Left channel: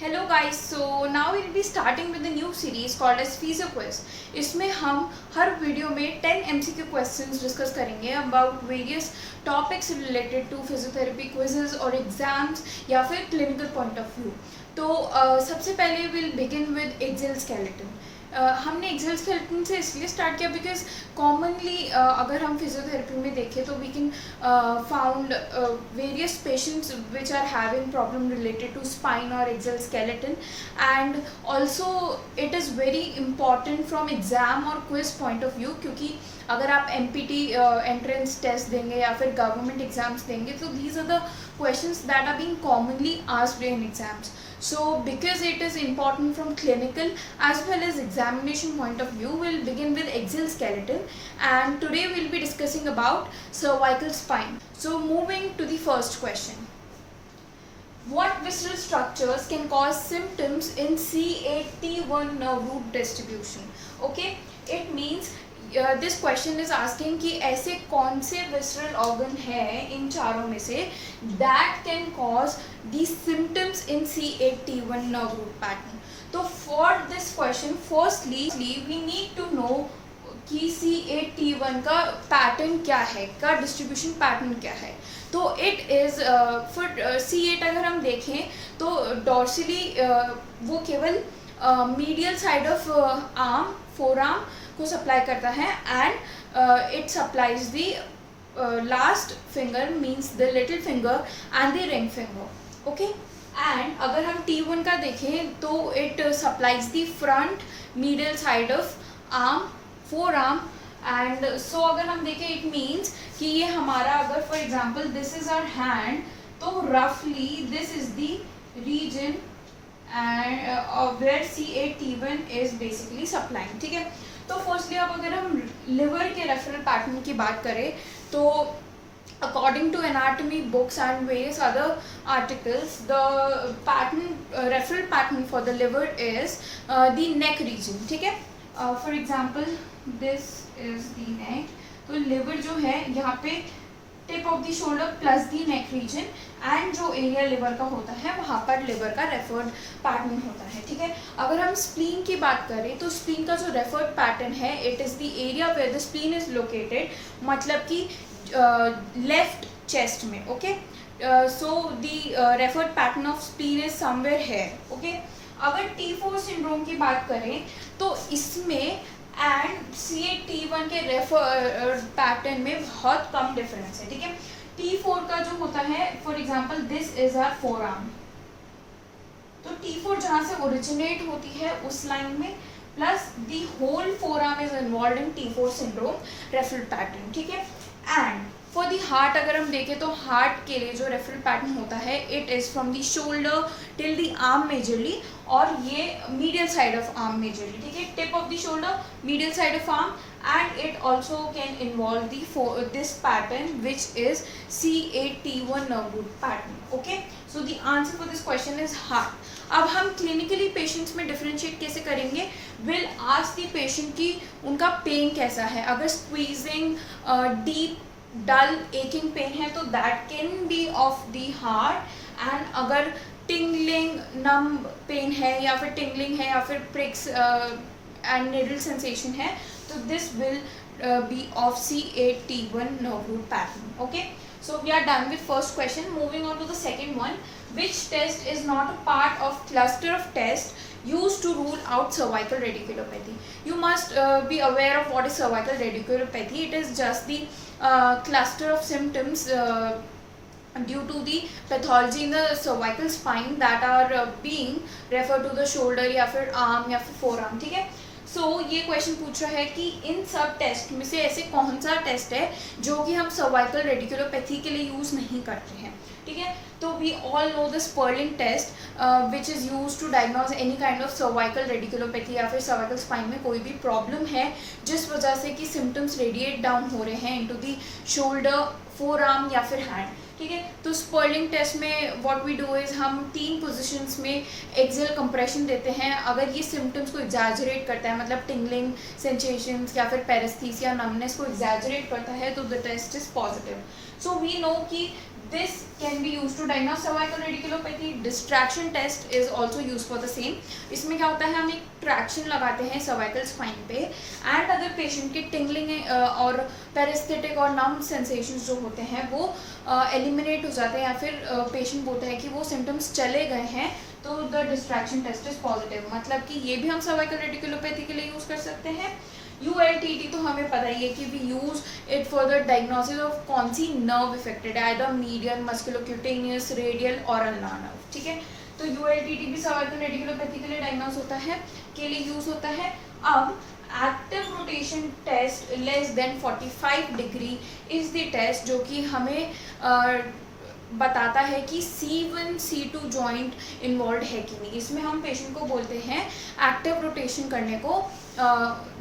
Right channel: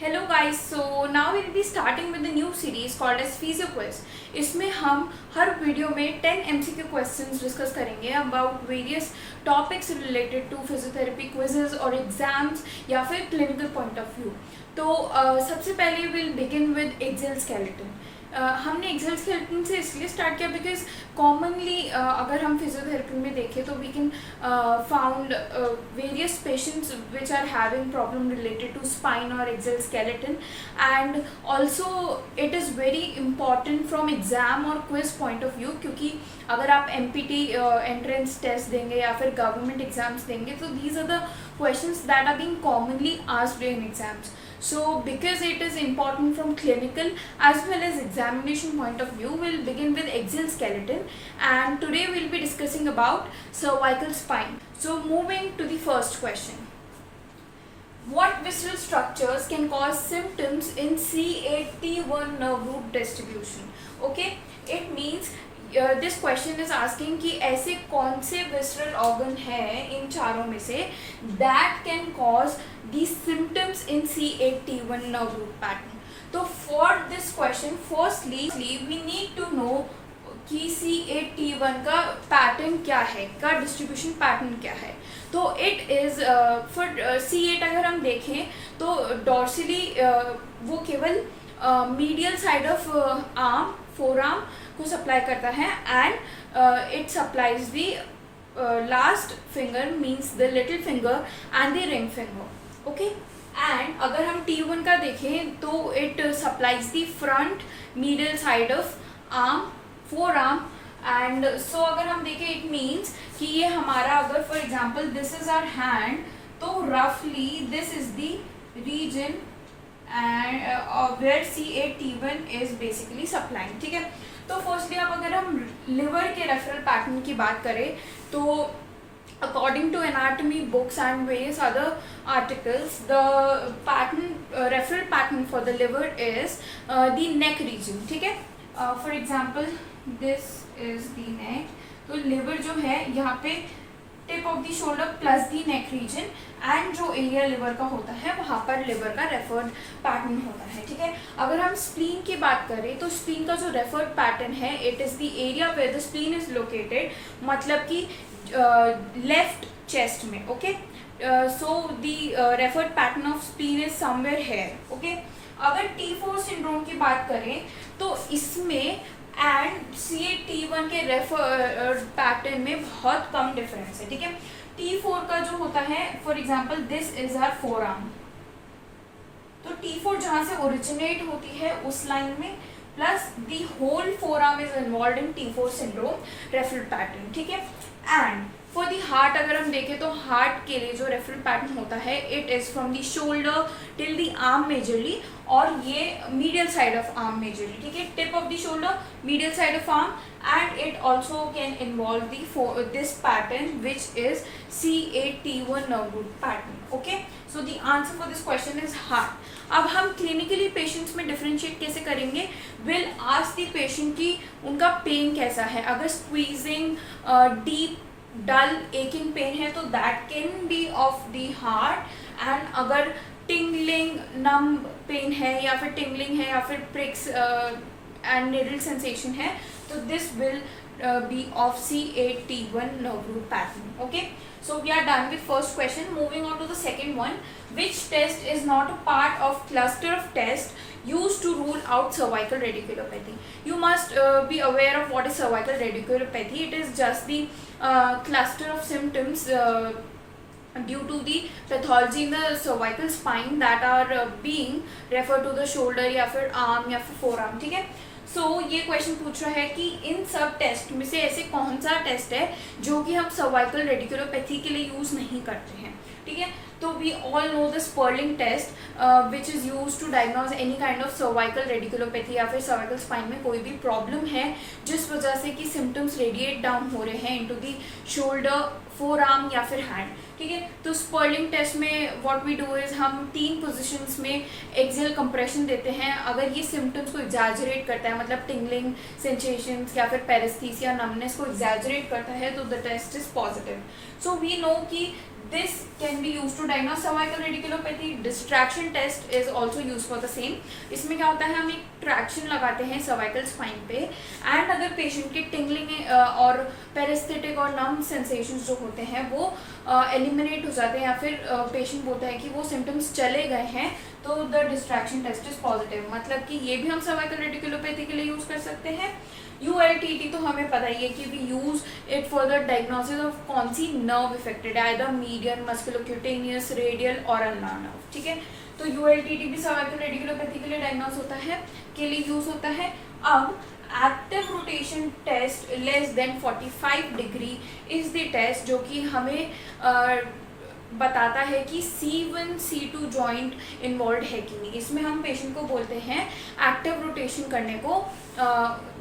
Hello guys, so now will be starting with the new series called as physio quiz. इसमें हम हर video में 10 MCQ questions discuss करेंगे about various topics related to physiotherapy quizzes और exams या फिर clinical point of view. तो सबसे पहले will begin with axial skeleton. हमने एक्सेल स्केलेटन से इसलिए स्टार्ट किया बिकॉज कॉमनली अगर हम फिजियोथेरेपी में देखें तो we can found various patients which are having problem related to spine और axial skeleton, and also it is very important from exam और क्विज पॉइंट ऑफ व्यू, क्योंकि अगर आप MPT एंट्रेंस टेस्ट देंगे या फिर गवर्नमेंट एग्जाम्स देंगे तो these are the questions that are being commonly asked in exams. So because it is important from clinical as well as examination point of view, we'll begin with axial skeleton, and today we'll be discussing about cervical spine. So moving to the first question. What visceral structures can cause symptoms in C8T1 nerve root distribution? Okay, it means this question is asking कि ऐसे कौन से visceral organ है इन चारों में से that can cause the symptoms in C8T1 nerve root pattern. तो for this question firstly we need to know कि C8T1 का पैटर्न क्या है, का डिस्ट्रीब्यूशन पैटर्न क्या है. तो इट इज़ फॉर C8 अगर हम देखें तो डॉर्सली वो केवल medial side of arm, forearm को सप्लाई करता है, and it supplies the last finger means the little finger and the ring finger. Okay, and अगर हम T1 का देखें तो it supplies the front medial side of arm, forearm, and so अगर हम देखें इट मीन्स कि ये हमारा, अगर for example this is our hand, तो रफली this is the region and where C8T1 is basically supplying. ठीक है, तो फर्स्टली अब अगर हम लिवर के रेफरल पैटर्न की बात करें तो according to anatomy books and various other articles, the pattern referral pattern for the liver is the neck region. ठीक है, for example this is the neck. तो लिवर जो है यहाँ पे tip of the shoulder plus the neck region, and जो area liver का होता है वहाँ पर लिवर का रेफर्ड पैटर्न होता है. ठीक है, अगर हम स्प्लीन की बात करें तो स्प्लीन का जो रेफर्ड पैटर्न है it is the area where the spleen is located, मतलब कि लेफ्ट चेस्ट में. Okay, so the referred pattern of spleen is somewhere here. Okay, अगर T4 सिंड्रोम की बात करें तो इसमें एंड C8T1 के रेफर पैटर्न में बहुत कम डिफरेंस है. ठीक है, T4 का जो होता है, for example this is our forearm, तो T4 जहाँ से ओरिजिनेट होती है उस लाइन में plus the whole forearm is involve in T4 syndrome referral pattern. ठीक है, एंड फॉर दी हार्ट अगर हम देखें तो हार्ट के लिए जो रेफरल पैटर्न होता है it is from the shoulder till the arm majorly, और ये medial side of arm majorly. ठीक है, tip of the shoulder, medial side of arm, and it also can involve this pattern which is C8T1 nerve root pattern. Okay, so the answer for this question is heart. अब हम clinically patients में differentiate कैसे करेंगे, will ask the patient की उनका pen कैसा है. अगर स्क्वीजिंग, डीप डल एकिंग पेन है तो that can be of the heart, and अगर टिंगलिंग नम पेन है या फिर टिंगलिंग है या फिर प्रिक्स एंड निडल सेंसेशन है तो this will be of C8T1 nerve root pattern. Okay, so we are done with first question. Moving on to the second one. Which test is not a part of cluster of tests used to rule out cervical radiculopathy? You must be aware of what is cervical radiculopathy. It is just the cluster of symptoms due to the pathology in the cervical spine that are being referred to the shoulder या फिर arm या फिर forearm. ठीक है, सो ये question पूछ रहा है कि इन सब टेस्ट में से ऐसे कौन सा टेस्ट है जो कि हम सर्वाइकल रेडिकुलोपैथी के लिए यूज़ नहीं करते हैं. ठीक है, तो we all know the Spurling test which is use to diagnose any kind of cervical radiculopathy या फिर सर्वाइकल स्पाइन में कोई भी प्रॉब्लम है जिस वजह से कि सिम्टम्स रेडिएट डाउन हो रहे हैं into the shoulder, four arm या फिर हैंड. ठीक है, तो स्पर्लिंग टेस्ट में व्हाट वी डू इज़ हम 3 पोजीशंस में एक्सेल कंप्रेशन देते हैं. अगर ये सिम्टम्स को एग्जैजरेट करता है, मतलब टिंगलिंग सेंसेशंस या फिर पेरेस्थीसिया नमनेस को एग्जैजरेट करता है तो the test is positive. So we know कि this can be used to diagnose cervical radiculopathy. Distraction test is also used for the same. इसमें क्या होता है, हम एक ट्रैक्शन लगाते हैं cervical spine पे, एंड अगर पेशेंट की टिंगलिंग और पेरिस्थेटिक और नम सेंसेशंस जो होते हैं वो एलिमिनेट हो जाते हैं, या फिर पेशेंट बोलता है कि वो सिम्टम्स चले गए हैं, तो the distraction test is positive. मतलब कि ये भी हम सर्वाइकल रेडिकुलोपैथी के लिए यूज़ कर सकते हैं. ULTT तो हमें पता ही है कि we use it for the diagnosis of कौन सी नर्व इफेक्टेड है, आइदर मीडियन, मस्कुलोक्यूटेनियस, रेडियल और अल्नार नर्व. ठीक है, तो ULTT भी सर्वाइकल रेडिकुलोपैथी के लिए डायग्नोस होता है, के लिए यूज होता है. अब active rotation test less than 45 degree is the test जो कि हमें बताता है कि C1 C2 जॉइंट इन्वॉल्व है कि नहीं. इसमें हम पेशेंट को बोलते हैं एक्टिव रोटेशन करने को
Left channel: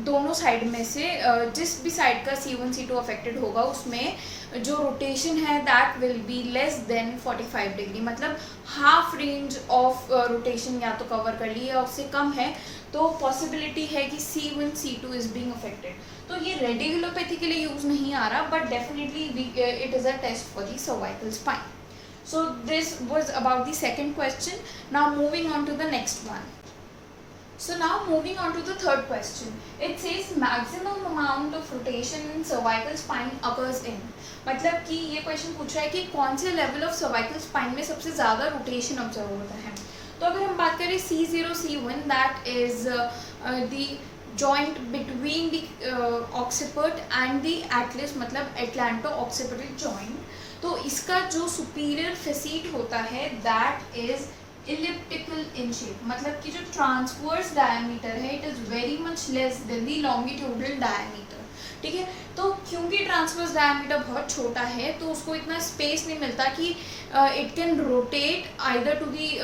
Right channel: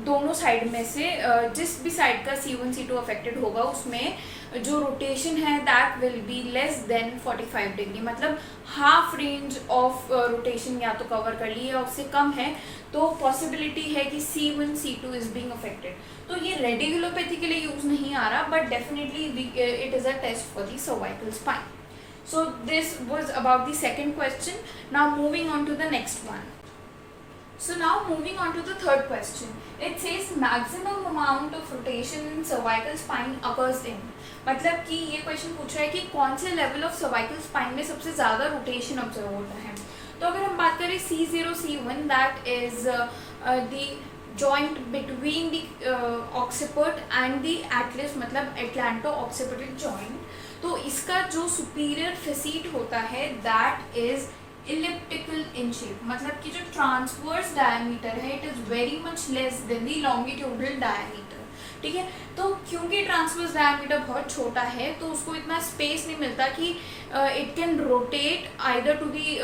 दोनों साइड में से जिस भी साइड का C1 C2 अफेक्टेड होगा उसमें जो रोटेशन है that will be less than 45 degree. मतलब हाफ रेंज ऑफ रोटेशन या तो कवर कर ली या उससे कम है, तो पॉसिबिलिटी है कि C1 C2 is being affected. तो ये रेडिकुलोपैथी के लिए यूज नहीं आ रहा, but definitely it is a test for the cervical spine. So this was about the second question. Now moving on to the next one. So now moving on to the third question. It says maximum amount of rotation in cervical spine occurs in. मतलब कि ये question पूछ रहा है कि कौन से level of cervical spine में सबसे ज़्यादा रोटेशन ऑब्जर्व होता है. तो अगर हम बात करें C0 C1, that is the joint between the occiput and the atlas, मतलब एटलांटो ऑक्सिपिटल जॉइंट. तो इसका जो सुपीरियर फेसीट होता है that is elliptical in shape. मतलब कि जो ट्रांसवर्स डायमीटर है it is very much less than the longitudinal diameter. ठीक है, तो क्योंकि ट्रांसवर्स डायमीटर बहुत छोटा है तो उसको इतना स्पेस नहीं मिलता कि it can rotate either to the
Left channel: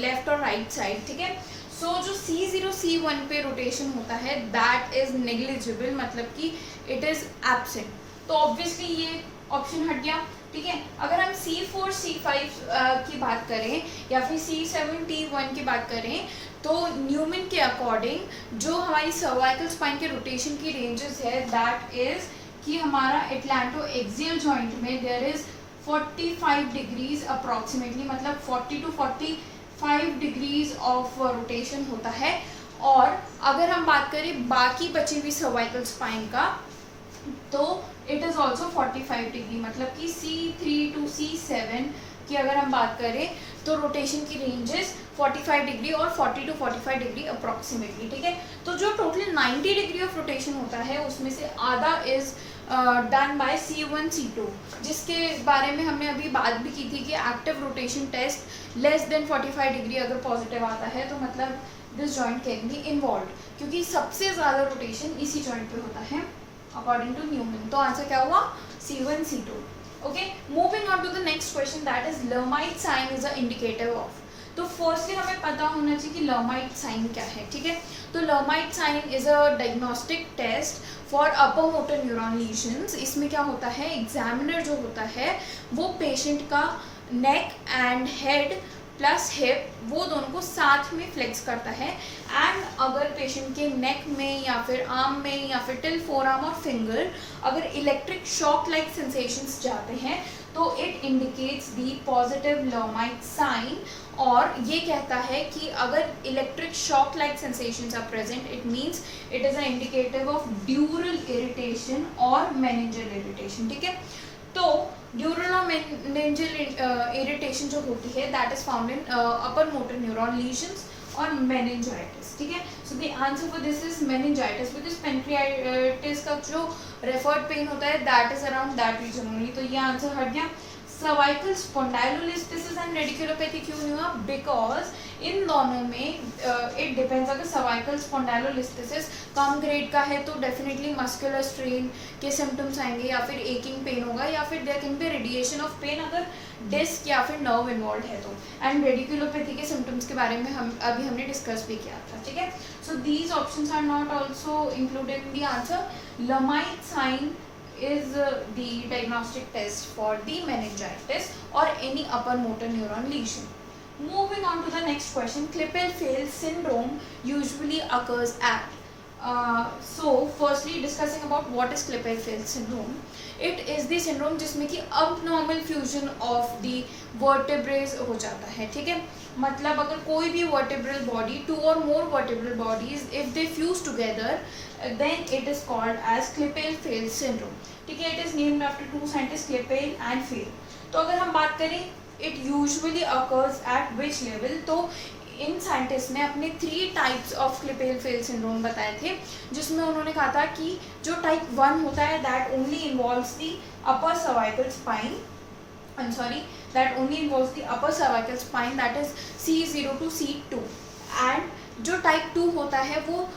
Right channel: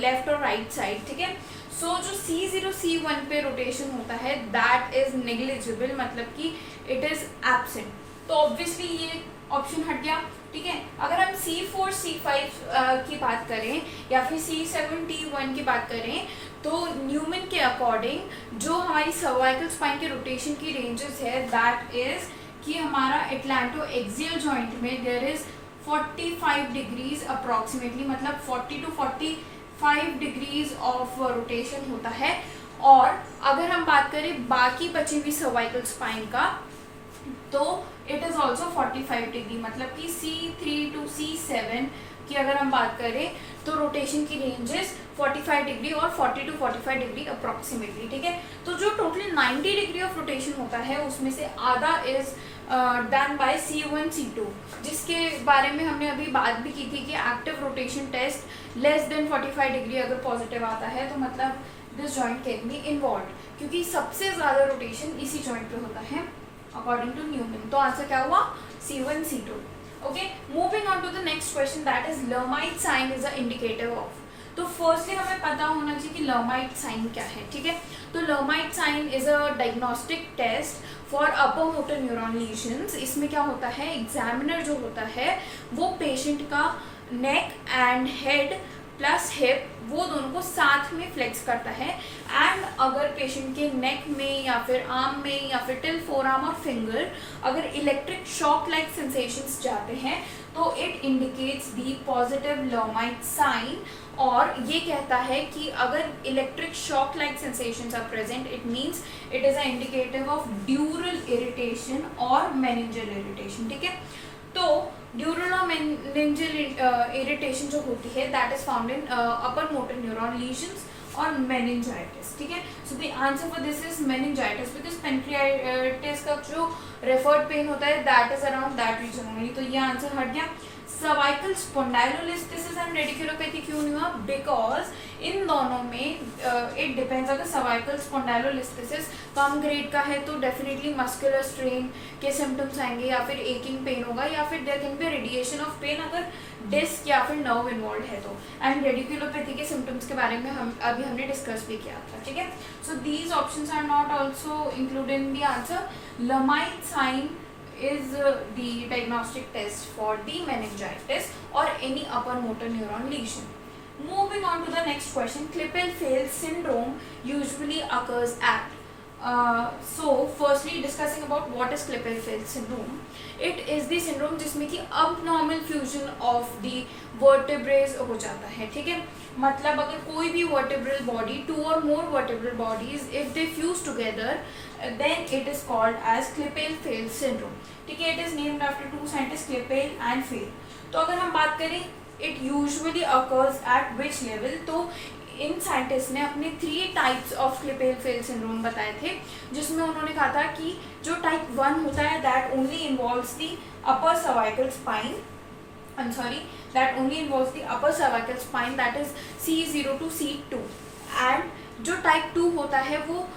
left और राइट साइड. ठीक है, सो जो C0 C1 पे रोटेशन होता है दैट इज नेग्लिजिबल, मतलब कि इट इज़ एब्सेंट. तो ऑब्वियसली ये ऑप्शन हट गया. ठीक है, अगर हम C4 C5 की बात करें या फिर C7 T1 की बात करें, तो न्यूमन के अकॉर्डिंग जो हमारी सर्वाइकल स्पाइन के रोटेशन की रेंजेस है दैट इज कि हमारा एटलांटो एक्सियल जॉइंट में देयर इज 45 डिग्रीज अप्रॉक्सीमेटली, मतलब 40 to 45 डिग्रीज ऑफ रोटेशन होता है. और अगर हम बात करें बाकी बची हुई सर्वाइकल स्पाइन का, तो इट इज़ ऑल्सो 45 डिग्री. मतलब कि C3 to C7 की अगर हम बात करें तो रोटेशन की रेंजेस 45 डिग्री और 40 to 45 डिग्री अप्रॉक्सीमेटली. ठीक है, तो जो टोटल 90 डिग्री ऑफ रोटेशन होता है उसमें से आधा is done by C1 C2, जिसके बारे में हमने अभी बात भी की थी कि active rotation test less than 45 degree अगर पॉजिटिव आता है तो मतलब this joint can be involve, क्योंकि सबसे ज़्यादा रोटेशन इसी जॉइंट पे होता है अकॉर्डिंग टू न्यूमन. तो आंसर क्या हुआ, C1 C2. Okay, moving on to the next question that is Lhermitte sign is a indicator of. तो फर्स्टली हमें पता होना चाहिए कि लर्माइट साइन क्या है. ठीक है, तो Lhermitte sign is a diagnostic test for upper motor neuron lesions. इसमें क्या होता है, एग्जामिनर जो होता है वो पेशेंट का neck and head plus hip वो दोनों को साथ में फ्लेक्स करता है, एंड अगर पेशेंट के नेक में या फिर आर्म में या फिर टिल फोर आर्म और फिंगर अगर इलेक्ट्रिक शॉक लाइक सेंसेशंस जाते हैं तो it indicates the positive Lhermitte sign. और ये कहता है कि अगर electric shock like sensations are present it means it is a indicative of dural irritation और मेनिंजल इरिटेशन. ठीक है, तो ड्यूरल और मेनिंजल इरिटेशन जो होती है that is found in upper motor neuron lesions और मेनिंजाइटिस. ठीक है, so the answer for this is meningitis, because pancreatitis का जो रेफर्ड पेन होता है that is around that region only. तो ये आंसर हट गया. सर्वाइकल स्पॉन्डाइलोलिस्थेसिस एंड रेडिकुलोपैथी क्यों नहीं हुआ, बिकॉज इन दोनों में इट डिपेंड्स. अगर सर्वाइकल स्पॉन्डाइलोलिस्थेसिस कम ग्रेड का है तो डेफिनेटली मस्कुलर स्ट्रेन के सिम्टम्स आएंगे या फिर एकिंग पेन होगा या फिर there can be radiation of pain अगर डिस्क या फिर नर्व इन्वॉल्व है तो. एंड रेडिकुलोपैथी के सिम्टम्स के बारे में हमने डिस्कस भी किया था. ठीक है, so these options are not also included in the answer. Lhermitte sign is the diagnostic test for the meningitis or any upper motor neuron lesion. Moving on to the next question, Klippel-Feil syndrome usually occurs at. So firstly discussing about what is Klippel-Feil syndrome. It is the syndrome जिसमें कि abnormal fusion of the vertebrae हो जाता है, ठीक है. मतलब अगर कोई भी vertebral body, 2 or more vertebral bodies, if they fuse together, then it is called as Klippel-Feil syndrome. ठीक है. It is named after 2 scientists, Klippel and Feil. तो अगर हम बात करें it usually occurs at which level, तो इन scientist ने अपने 3 टाइप्स ऑफ Klippel-Feil सिंड्रोम बताए थे, जिसमें उन्होंने कहा था कि जो टाइप 1 होता है that only involves the upper cervical spine, that only involves the upper cervical spine, that is C0 to C2, and जो टाइप 2 होता है वो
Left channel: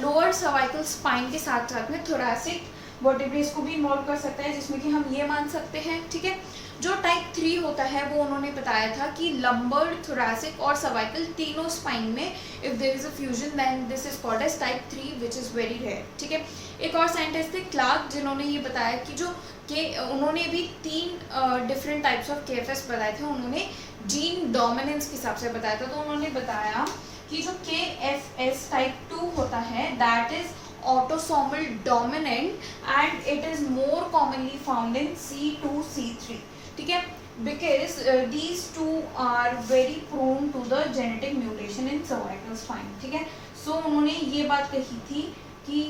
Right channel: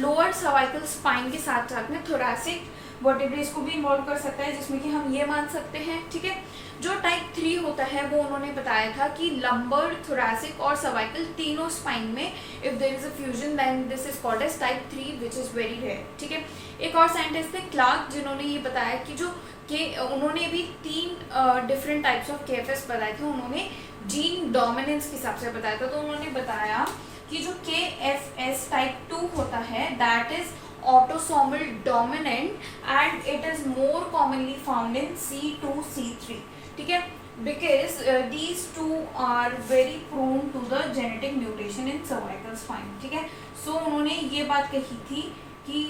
लोअर सर्वाइकल स्पाइन के साथ साथ में थोरैसिक वर्टेब्रेज को भी इन्वॉल्व कर सकता है, जिसमें कि हम ये मान सकते हैं, ठीक है. जो टाइप 3 होता है वो उन्होंने बताया था कि लंबर, थोरैसिक और सर्वाइकल तीनों स्पाइन में if there is a fusion then this is called as type 3 which is very rare, ठीक है. एक और साइंटिस्ट थे क्लार्क, जिन्होंने ये बताया कि जो उन्होंने भी 3 डिफरेंट टाइप्स ऑफ KFS बताए थे. उन्होंने जीन डोमिनेंस के हिसाब से बताया था. तो उन्होंने बताया कि जो KFS टाइप 2 होता है that is autosomal dominant and it is more commonly found in C2, C3, ठीक है, because these two are very prone to the genetic mutation in cervical spine, ठीक है. So उन्होंने ये बात कही थी कि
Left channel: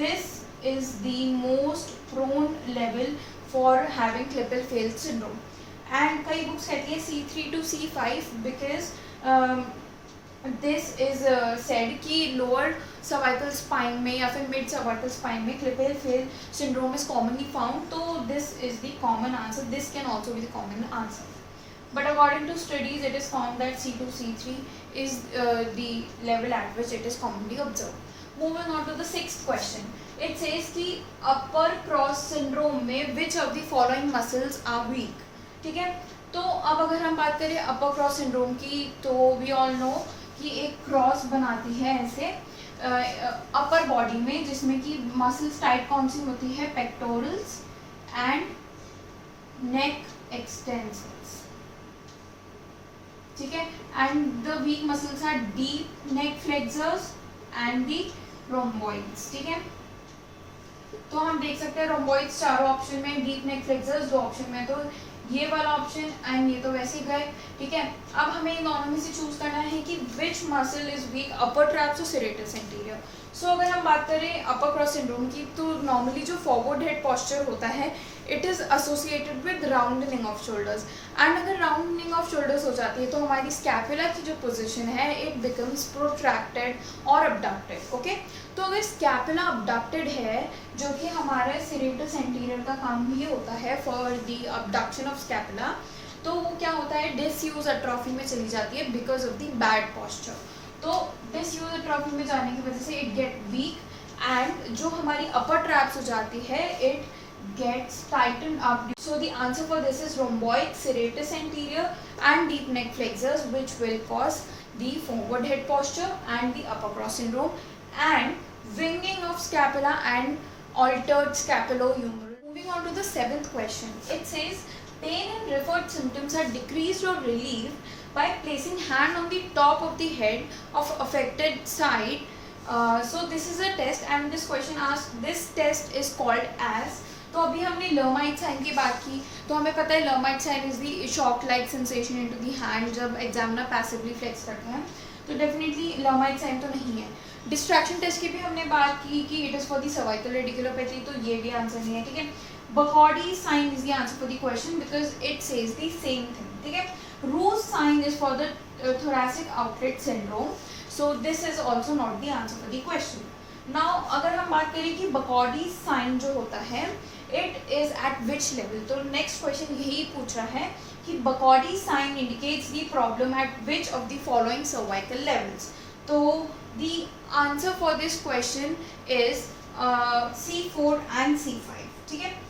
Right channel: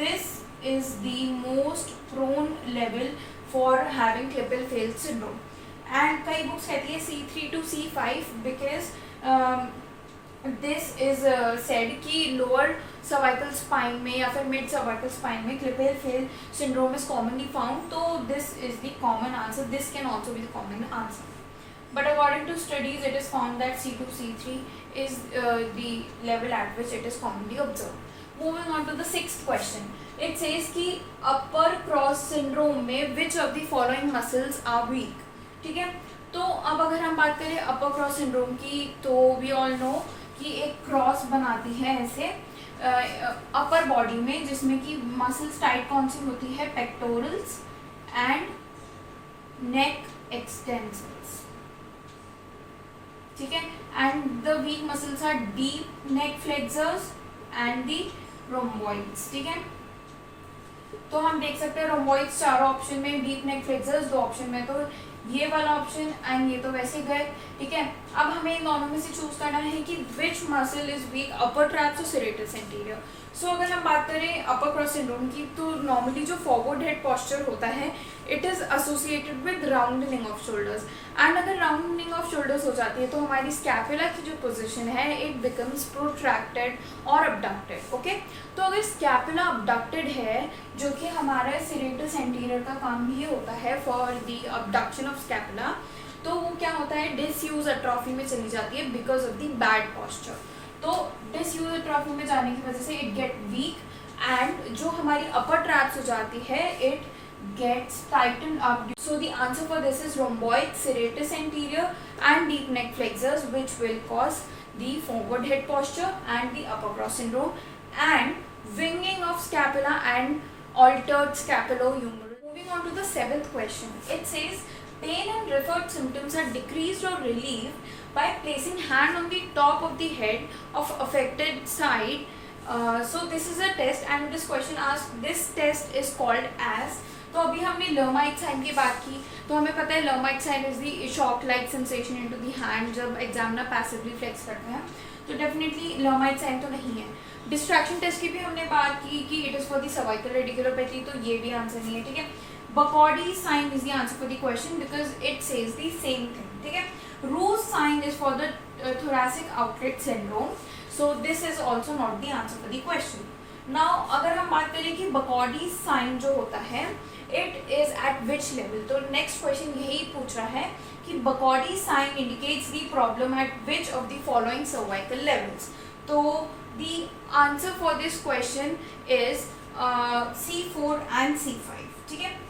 this is the most prone level for having Klippel-Feil syndrome, and कई बुक्स कहती है C3 to C5 because this is said कि लोअर सर्वाइकल स्पाइन में या फिर मिड सर्वाइकल स्पाइन में Klippel-Feil syndrome is commonly found. तो this is the common answer. This can also be the common answer. But according to studies, it is found that C2, C3 is the level at which it is commonly observed. Moving on to the 6th question. It says कि upper cross syndrome में which of the following muscles are weak, ठीक है. तो अब अगर हम बात करें अपर क्रॉस सिंड्रोम की, तो वी ऑल नो कि एक क्रॉस बनाती है ऐसे अपर बॉडी में, जिसमें कि मसल्स टाइट कौन सी होती है, पेक्टोरल्स एंड नेक एक्सटेंसर्स, ठीक है. And the weak muscles are deep neck flexors and the rhomboids, ठीक है. तो हम देख सकते हैं रोम्बॉइड्स चारों ऑप्शन में, डीप नेक फ्लेक्सर्स 2 ऑप्शन में, तो ये वाला ऑप्शन एंड ये तो वैसे गए, ठीक है. अब हमें इन दोनों में से चूज करना है कि which muscle is weak, upper traps और सेरेटस एंटीरियर. सो अगर हम बात करें अपर क्रॉस सिंड्रोम की, तो नॉर्मली जो फॉरवर्ड हेड पोस्चर होता है it is associated with rounding of shoulders, and अगर राउंडनिंग ऑफ शोल्डर्स हो जाती है तो हमारी स्कैपुला की जो पोजीशन है इट बिकम्स प्रोट्रैक्टेड और अबडक्टेड, ओके. तो अगर स्कैपुला अबडक्टेड है, जो कि हमारा सेरेटस एंटीरियर का काम भी होता है for the abduction of scapula, तो वो क्या होता है, डिसयूज एट्रोफी में चली जाती है because of the bad posture. तो डिसयूज एट्रोफी में जाने की वजह से इट गेट वीक, एंड जो हमारी अपर ट्रैप्स हो जाती है it gets tightened up. So the answer for this is rhomboid, serratus anterior and deep neck flexors, which will cause the forward head posture and the upper cross syndrome and winging of scapula and altered scapulohumeral. Moving on to the 7th question. It says pain and referred symptoms are decreased or relieved by placing hand on the top of the head of affected side. So this is a test, and this question asks, this test is called as. तो अभी हमने लर्माइट sign की बात की, तो हमें पता है Lhermitte sign is the shock like sensation into the hand जब एग्जामिनर पैसिवली फ्लेक्स करते हैं, तो डेफिनेटली लर्माइट साइन तो नहीं है. डिस्ट्रैक्शन टेस्ट की भी हमने बात की कि it is for the cervical radiculopathy, तो ये भी आंसर नहीं है, ठीक है. Bakody sign is the answer for the question because it says the same thing, ठीक है. Roos sign is for the thoracic outlet syndrome, so this is also not the answer for the question. Now अगर हम बात करें कि Bakody sign जो होता है it is at which level, तो नेक्स्ट क्वेश्चन यही पूछ रहा है कि Bakody sign indicates the problem at which of the following cervical levels. तो the answer for this question is C4 and C5, ठीक है.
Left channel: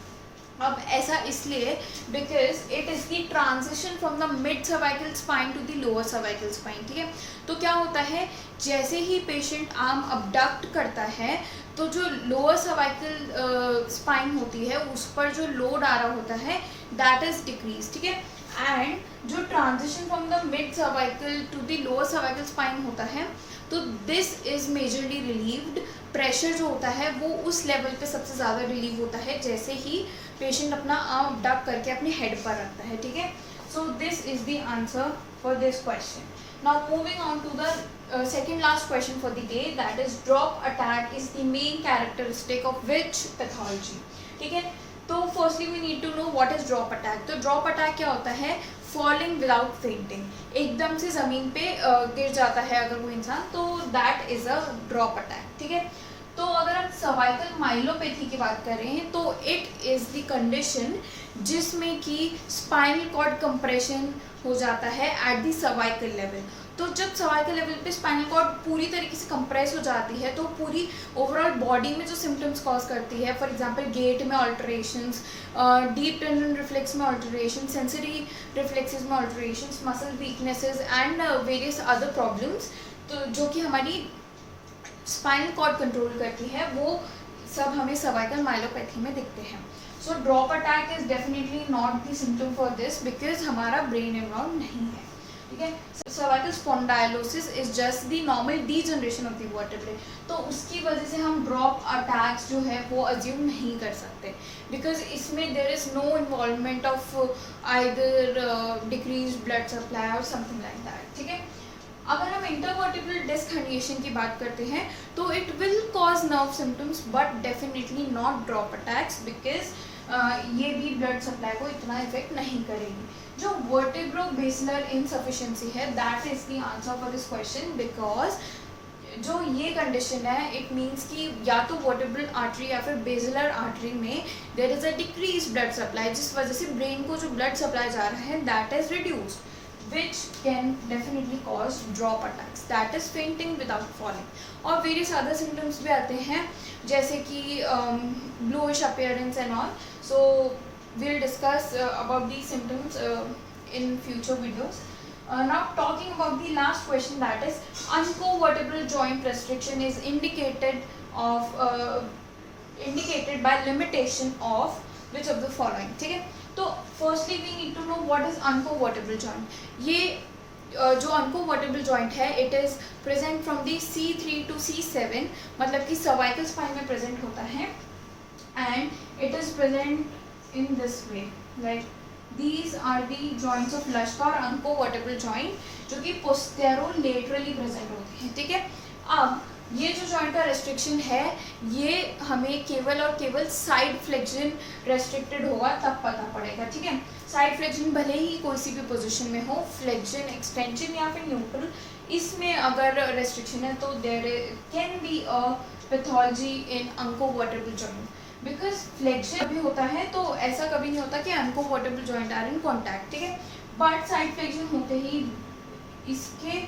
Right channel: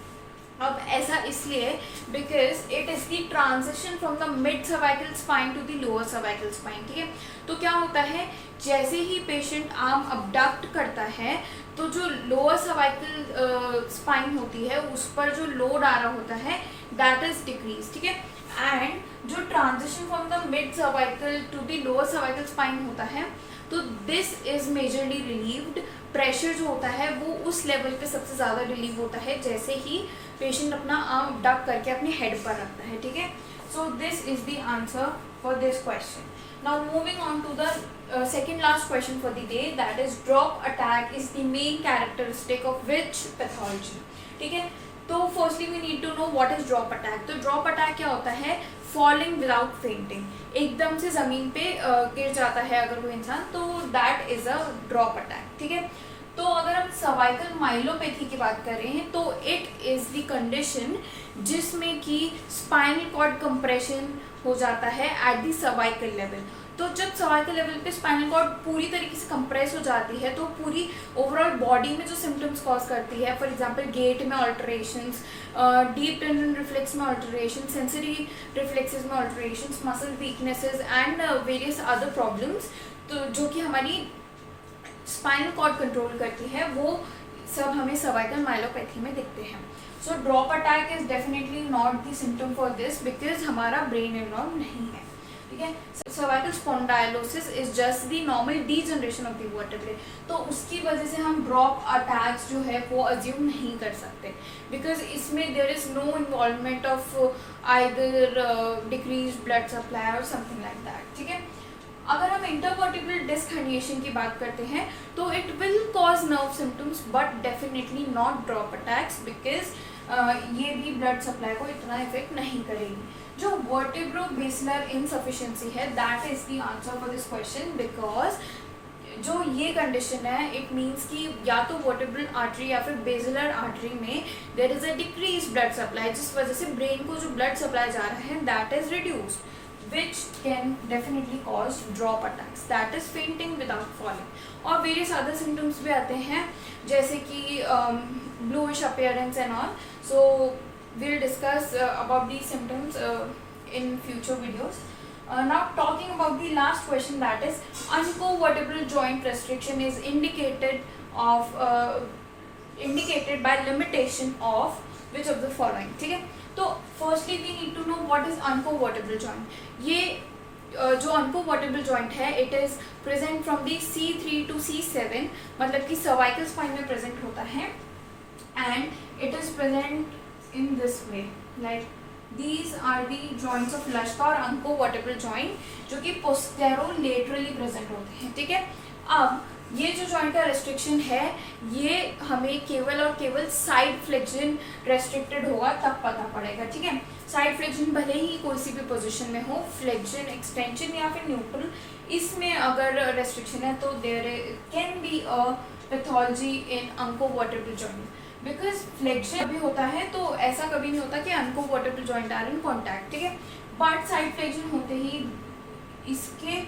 अब ऐसा इसलिए because it is the transition from the mid cervical spine to the lower cervical spine, ठीक है. तो क्या होता है, जैसे ही पेशेंट आर्म अबडक्ट करता है तो जो लोअर सर्वाइकल स्पाइन होती है उस पर जो लोड आ रहा होता है दैट इज डिक्रीज, ठीक है. एंड जो transition from the mid cervical to the lower cervical spine होता है, तो this is majorly relieved. Pressure जो होता है वो उस लेवल पे सबसे ज़्यादा रिलीव होता है जैसे ही पेशेंट अपना आर्म अबडक्ट करके अपने हेड पर रखता है, ठीक है। सो this is the answer for this question. Now moving on to the second last question for the day, that is drop attack is the main characteristic of which pathology, ठीक है। तो firstly we need to know what is drop attack. तो drop attack क्या होता है, falling without fainting, एकदम से ज़मीन पे गिर जाता है अगर कोई इंसान, तो that is a drop attack, ठीक है। तो अगर हम सर्वाइकल माइलोपैथी की बात करें तो इट इज़ द कंडीशन जिसमें कि स्पाइनल कॉर्ड कंप्रेशन हो जाता है एट द सर्वाइकल लेवल। तो जब सर्वाइकल लेवल पे स्पाइनल कॉर्ड पूरी तरीके से कंप्रेस हो जाती है तो पूरी ओवरऑल बॉडी में जो सिम्टम्स कॉज करती है, फॉर एग्जांपल गेट में ऑल्टरेशंस, डीप टेंडन रिफ्लेक्स में ऑल्टरेशन, सेंसरी रिफ्लेक्सेस में alterations, muscle weaknesses and various other problems, तो जो कि हमारी स्पाइनल कॉर्ड कंट्रोल करती है, वो सब हमें सर्वाइकल माइलोपैथी में दिखते हैं। So drop attack is definitely not the symptom for this because हमारा ब्रेन इन्वॉल्व नहीं है, ठीक है। Cervical spondylosis is just the normal degeneration of the vertebrae, तो उसकी वजह से हम ड्रॉप अटैक्स जो है वो अज्यूम नहीं कर सकते बिकॉज इसमें there is no involvement of either decrease blood supply और समथिंग लाइक दैट, ठीक है। अगर हम इंटरवर्टिब्रल डिस्क हर्निएशन की बात करते हैं तो it will cause nerve symptoms but definitely not drop attacks because ये भी ब्लड सप्लाई को इतना इफेक्ट नहीं करेगी। जो वर्टिब्रो-बेसिलर इनसफिशिएंसी है that is the answer for this question because जो ये कंडीशन है इट मीन्स कि या तो वर्टिब्रल आर्टरी या फिर बेसिलर आर्टरी में there is a decrease blood supply, जिस वजह से ब्रेन को जो ब्लड सप्लाई जा रहा है that is reduced, which can definitely cause drop attacks, that is fainting without falling। और various other symptoms भी आते हैं जैसे कि bluish appearance and all, so we'll discuss about these symptoms in future videos। Now talking about the last question, that is uncovertebral joint restriction is indicated by limitation of which of the following, ठीक है। तो firstly we need to know what is uncovertebral joint. ये जो uncovertebral joint है it is present from the C3 to C7, मतलब कि cervical spine में present होता है and it is present in this way, like these are the joints of Luschka और uncovertebral joint जो कि पोस्टेरोलेटरली प्रेजेंट होते हैं, ठीक है। अब ये जो जॉइंट का रेस्ट्रिक्शन है ये हमें केवल और केवल साइड फ्लेक्शन रेस्ट्रिक्टेड होगा तब पता पड़ेगा, ठीक है। साइड फ्लेक्शन भले ही कोई सी भी पोजीशन में हो, फ्लेक्शन, एक्सटेंशन या फिर न्यूट्रल, इसमें अगर रेस्ट्रिक्शन है तो there can be a pathology in uncovertebral joint because flexion भी होता है तो ऐसा कभी नहीं होता कि uncovertebral joint are in contact, ठीक है। बट साइड फ्लेक्शन होते ही इसके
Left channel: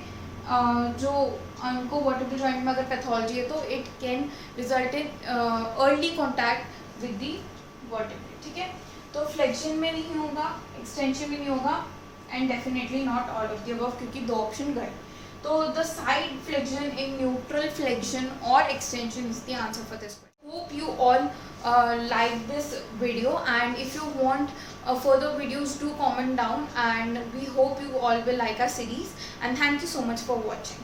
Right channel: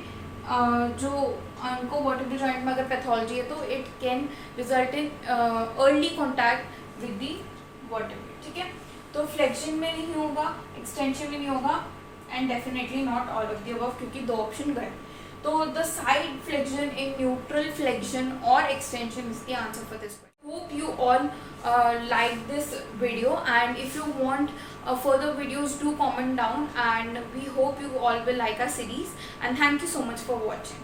जो अनकोवर्टेबल जॉइंट में अगर पैथोलॉजी है तो it can result in early contact with the vertebrae, ठीक है। तो फ्लेक्शन में नहीं होगा, एक्सटेंशन में नहीं होगा and definitely not all of the above क्योंकि दो ऑप्शन गए। तो the side flexion in neutral flexion और extension is the answer for this. Hope you all like this video, and if you want further videos do comment down, and we hope you all will like our series, and thank you so much for watching.